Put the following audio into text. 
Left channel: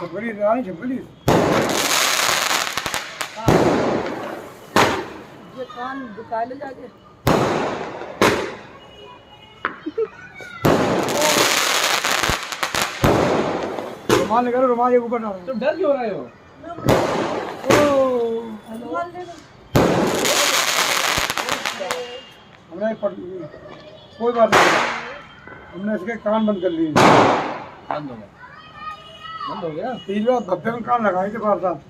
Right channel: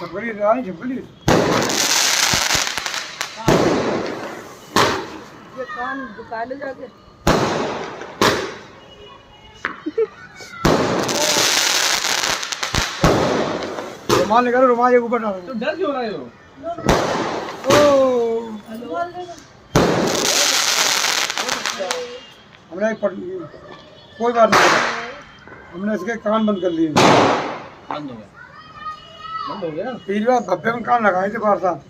छपरी रानी छपरी ये कान दुखा ले जाके रुमाल निकालो रुमाल ऊपर डालो तो डर क्यों रहे हो हमने कोई बात नहीं हमने इसके कान बंद कर लिए बंद हो गया तीन बार धब्बे में कान लगाए थे बार साहब